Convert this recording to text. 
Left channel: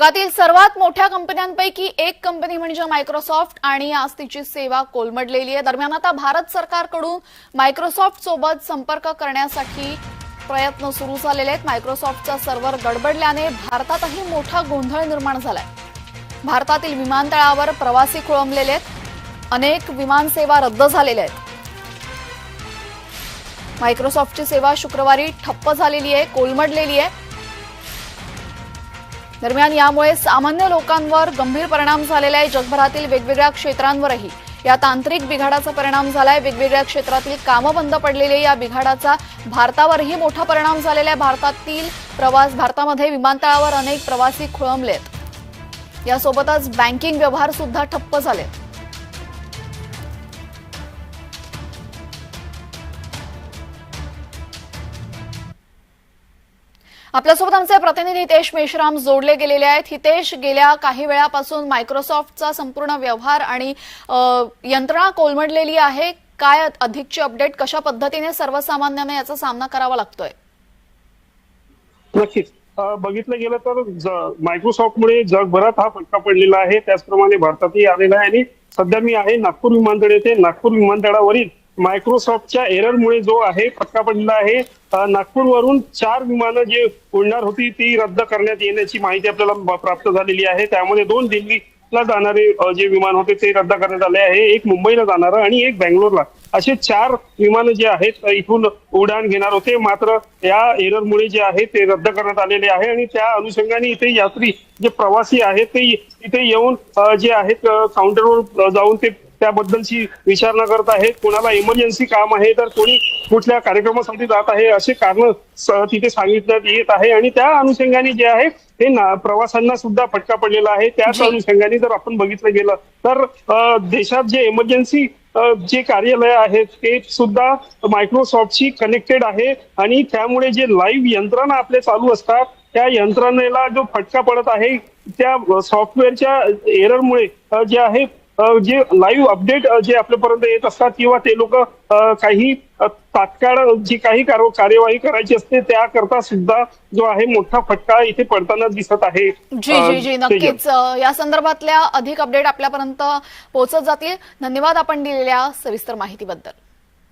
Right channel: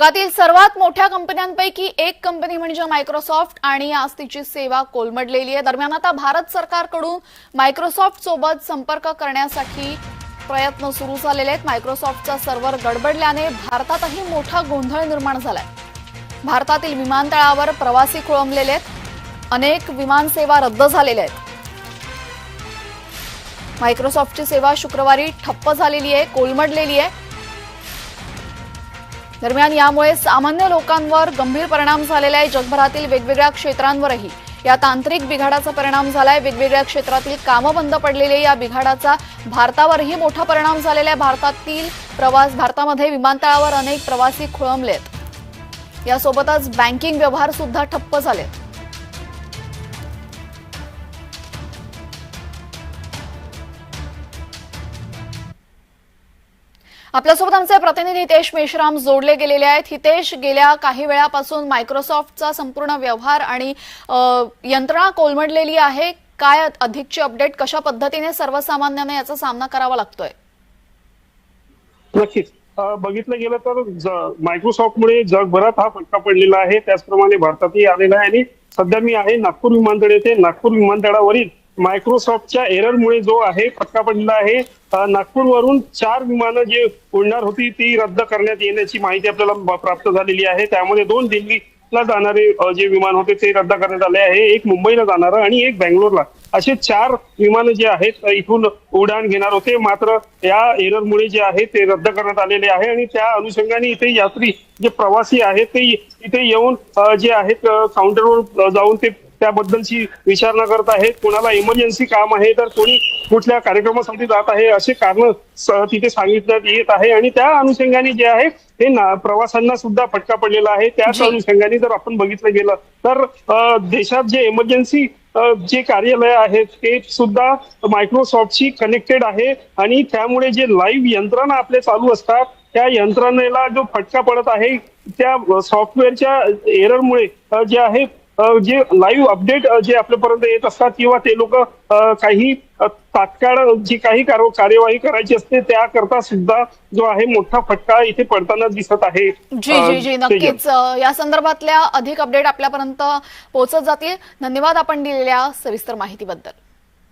जगातील सर्वात मोठ्या कंपन्यांपैकी एक कंपनी म्हणजे मायक्रोसॉफ्ट आणि आज तिची सेवा कोलमडलेली आहे. दरम्यान आता भारत सरकारकडून मायक्रोसॉफ्ट सोबत संपर्क करण्यासाठी प्रयत्न सुरू झालेले आहेत. मायक्रोसॉफ्टचा सर्व्हर गडबडल्याने भारतातही मोठा गोंधळ निर्माण झालाय. भारतातील विमानतळावर प्रवासी खोळंबलेले आहेत. अनेक विमानसेवा रद्द झालेल्या आहेत. मायक्रोसॉफ्टची सेवा शुक्रवारी ठप्प झालेली आहे कोलमडलेली आहे. दरम्यान यामुळे सामान्य लोकांवर गंभीर परिणाम झालेला आहे. जगभरातील वेगवेगळ्या क्षेत्रांवरही या तांत्रिक बिघाडाचा परिणाम झालाय. वेगवेगळ्या क्षेत्रातील कामं बंद पडलेली या बिघाडाचा भारतावरही मोठा परिणाम झालेला आहे. भारतातील प्रवास भारतामध्ये विमानतळावर अनेक प्रवासी खोळंबलेत. यासोबतच बँकिंग व्यवहार सुद्धा ठप्प झालेत. आपल्यासोबत आमचे प्रतिनिधी हितेश मेश्राम जोडले गेलेले आहेत. हितेश गेल्या काही वेळापासून मायक्रोसॉफ्टचा संपूर्ण व्यवहार आणि यंत्रणा कोलमडलेली आहे. काय अधिकची अपडेट कशा पद्धतीने सर्वसामान्यांना याचा सामना करावा लागतोय? नक्कीच. बघितलं गेलं तर मायक्रोसॉफ्टमुळे जगभरात हा फटका पडलेला आहे. त्याचप्रमाणे भारतातही आलेला आहे आणि सध्या मी आहे नागपूर विमानतळ येथे. नागपूर विमानतळावरील मायक्रोसॉफ्टच्या एररमुळे जो आहे फटका पडलेला आहे. नागपूरवरून चार विमानं जे उडणार होती ती रद्द करण्यात येण्याची माहिती आपल्याला प्राप्त झालेली आहे. त्यामध्ये दोन दिल्लीला जाणारे जे विमान होते ते रद्द करण्यात आले आहे. एक मुंबईला जाणारं आणि एक बँगलोरला. असे चार विमानं जे आहेत इथून उड्डाण घेणार होते. मात्र या एररमुळे जे आहे ते रद्द करण्यात आलेले आहे आणि त्या अनुषंगाने इथे यात्री जे प्रवासी आहेत ते इथे येऊन जे आहेत काउंटरवर जाऊन ते त्याबद्दलची विचारणा करत आहेत कोणाला इमर्जन्सी काम आहे तर कोणी कुठल्या कार्यक्रमासाठी जात आहे असे कारण तिथे सांगितण्यात येत आहे. आणि त्या अनुषंगाने जे आहे हे प्रवाशांना सुद्धा फटका पडलेला आहे. त्याच. अनुषंगाने जर आपण बघितलं गेलं तर देशात जे इमर्जन्सी जे कार्यालय आहेत ते सुद्धा मायक्रोसॉफ्टशी कनेक्टेड आहे. आणि त्यामुळे जे लाईव्ह यंत्रणा आपले चालू असतात त्या यंत्रणेला जो फटका पडत आहे त्या सॉफ्टवेअरच्या एररमुळे जे आहे जे लाईव्ह अपडेट जे आपल्यापर्यंत येत असतात किंवा ते लोक काही तात्काळ जी काही कार्य- कार्यवाही करायची असते त्याकरता सुद्धा जो आहे मोठा फटका इथे पडताना दिसत आहे. जी जी जी नक्कीच. या संदर्भातल्या अधिक अपडेट आपल्यापर्यंत पोहोचत जातील. धन्यवाद आपण दिलेल्या सविस्तर माहितीबद्दल.